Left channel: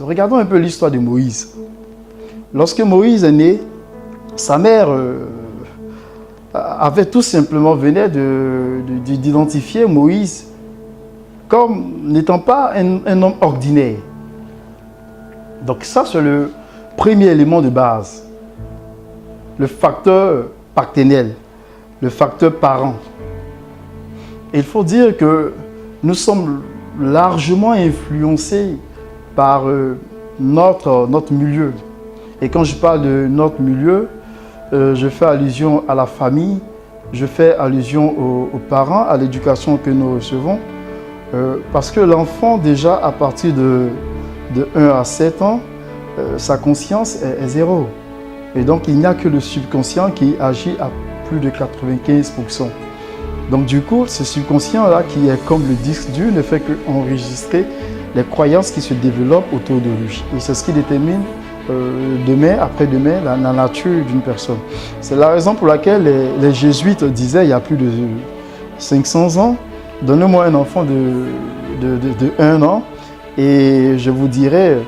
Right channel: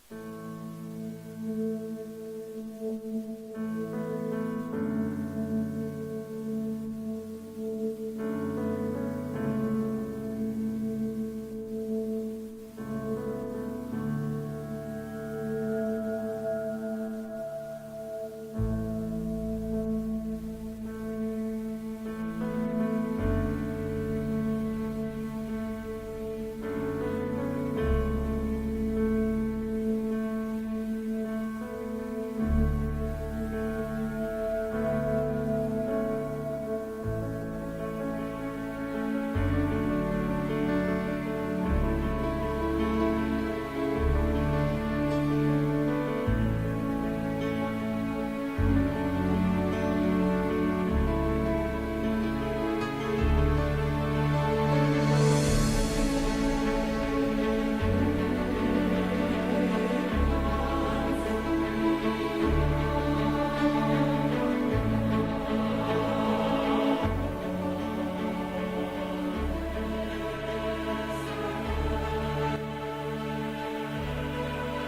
Regardons un peu l'histoire de Moïse. Lorsque Moïse est né, sa mère avait tout simplement venait d'identifier Moïse comme n'étant pas un homme ordinaire. Donc ça, c'est le premier élément de base. Le facteur paternel, le facteur parent. Et il faut dire que nous sommes largement influencés par notre milieu. Et quand je parle de notre milieu, je fais allusion à la famille, je fais allusion aux parents, à l'éducation que nous recevons. Parce que l'enfant, déjà à partir de 1 à 7 ans, sa conscience est zéro. Et donc il n'y a que le subconscient qui agit à plus de 95%. Donc du coup, ce subconscient-là qui est comme le disque dur ne fait qu'enregistrer les croyances qui se développent autour de lui. Et c'est ce qui détermine demain, après-demain, la nature d'une personne. C'est la raison pour laquelle les jésuites disaient il y a plus de 500 ans, donnez-moi un enfant de 1 an et je vous dirai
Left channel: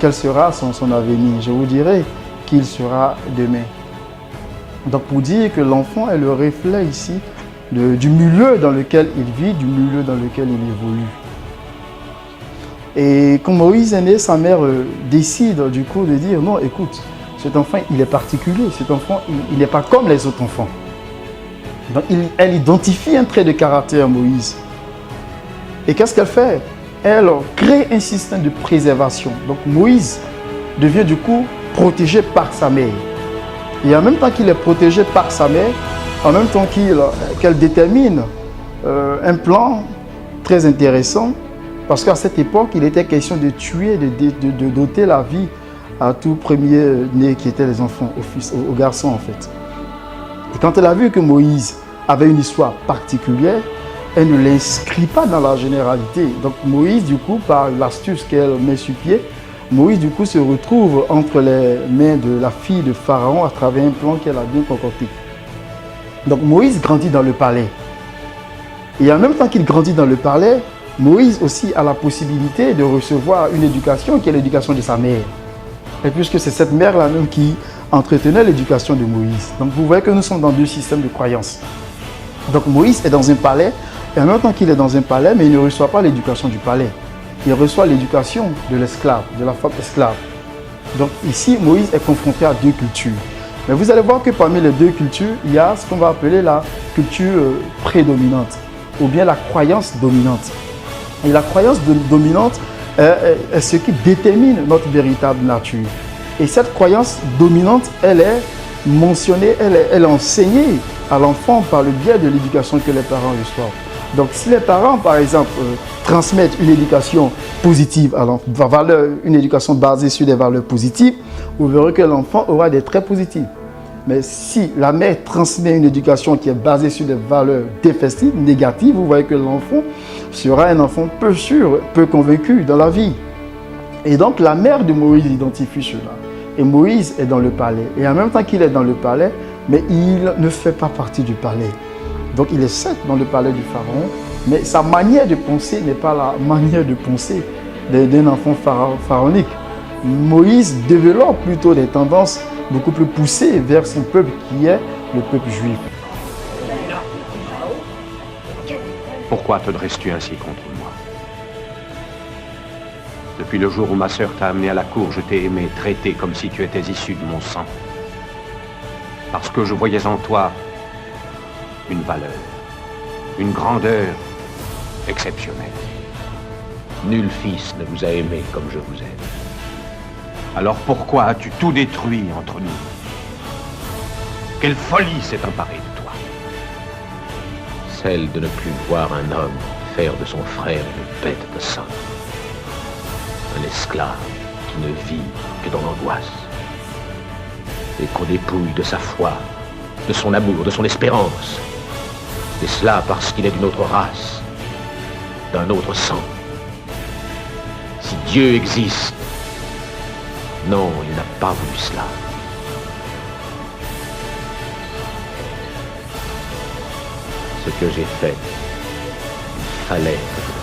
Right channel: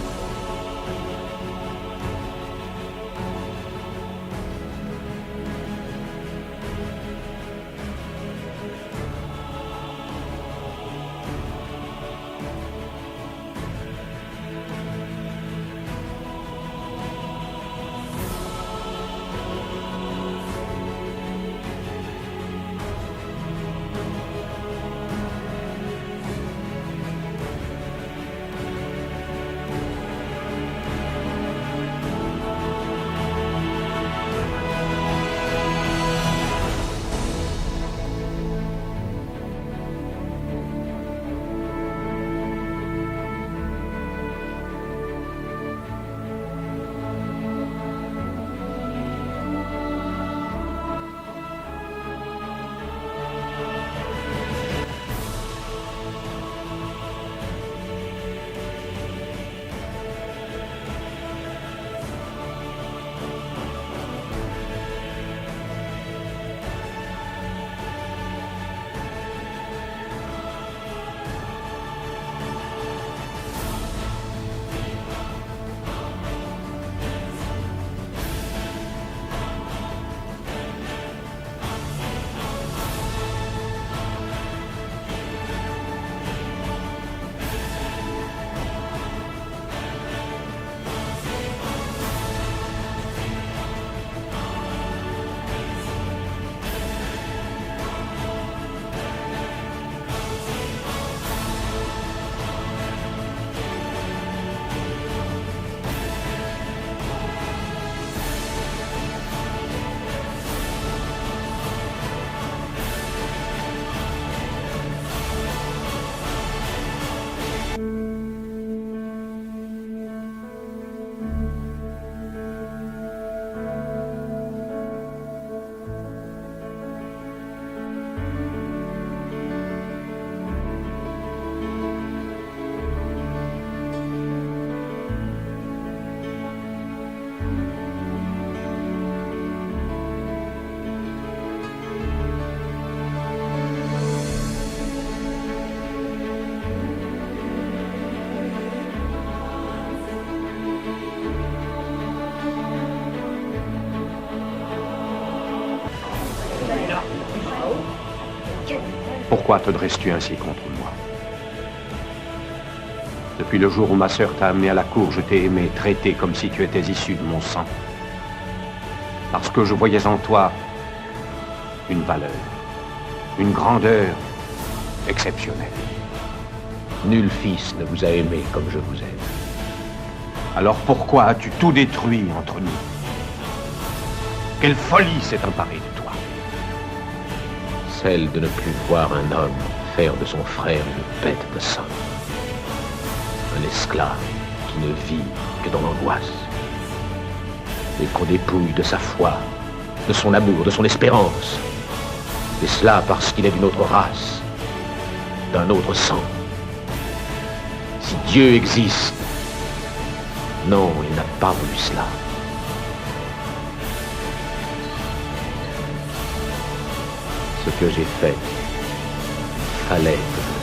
quel sera son avenir. Je vous dirai qui il sera demain. Donc pour dire que l'enfant est le reflet ici du milieu dans lequel il vit, du milieu dans lequel il évolue. Et quand Moïse est né, sa mère décide du coup de dire non, écoute, cet enfant il est particulier, cet enfant il n'est pas comme les autres enfants. Donc elle identifie un trait de caractère à Moïse. Et qu'est-ce qu'elle fait? Elle crée un système de préservation. Donc Moïse devient du coup protégé par sa mère. Et en même temps qu'il est protégé par sa mère, en même temps qu'elle détermine un plan très intéressant, parce qu'à cette époque, il était question de tuer, de doter la vie à tout premier-né qui étaient les enfants, aux garçons en fait. Et quand elle a vu que Moïse avait une histoire particulière, elle ne l'inscrit pas dans la généralité. Donc Moïse, du coup, par l'astuce qu'elle met sur pied, Moïse, du coup, se retrouve entre les mains de la fille de Pharaon à travers un plan qu'elle a bien concocté. Donc Moïse grandit dans le palais. Et en même temps qu'il grandit dans le palais, Moïse aussi a la possibilité de recevoir une éducation qui est l'éducation de sa mère. Et puisque c'est cette mère-là même qui entretenait l'éducation de Moïse. Donc vous voyez que nous sommes dans deux systèmes de croyances. Donc Moïse est dans un palais, et en même temps qu'il est dans un palais, mais il ne reçoit pas l'éducation du palais. Il reçoit l'éducation de l'esclave, de la femme esclave. Donc ici, Moïse est confronté à deux cultures. Mais vous allez voir que parmi les deux cultures, il y a ce qu'on va appeler la culture prédominante, ou bien la croyance dominante. Et la croyance dominante est ce qui détermine notre véritable nature. Et cette croyance dominante, elle est mentionnée, elle est enseignée à l'enfant par le biais de l'éducation que les parents reçoivent. Donc si les parents, par exemple, transmettent une éducation positive, une éducation basée sur des valeurs positives, vous verrez que l'enfant aura des traits positifs. Mais si la mère transmet une éducation qui est basée sur des valeurs défectives, négatives, vous voyez que l'enfant sera un enfant peu sûr, peu convaincu dans la vie. Et donc la mère de Moïse identifie cela. Et Moïse est dans le palais. Et en même temps qu'il est dans le palais, mais il ne fait pas partie du palais. Donc il est certes dans le palais du Pharaon, mais sa manière de penser n'est pas la manière de penser d'un enfant pharaonique. Moïse développe plutôt des tendances beaucoup plus poussées vers son peuple qui est le peuple juif. Pourquoi te dresses-tu ainsi contre moi? Depuis le jour où ma sœur t'a amené à la cour, je t'ai aimé, traité comme si tu étais issu de mon sang. Parce que je voyais en toi une valeur, une grandeur exceptionnelle. Nul fils ne vous a aimé comme je vous aime. Alors pourquoi as-tu tout détruit entre nous? Quelle folie s'est emparée de toi? Celle de ne plus voir un homme faire de son frère une bête de somme. Un esclave qui ne vit que dans l'angoisse. Et qu'on dépouille de sa foi, de son amour, de son espérance. Et cela parce qu'il est d'une autre race, d'un autre sang. Si Dieu existe, non, il n'a pas voulu cela. Ce que j'ai fait, il fallait que je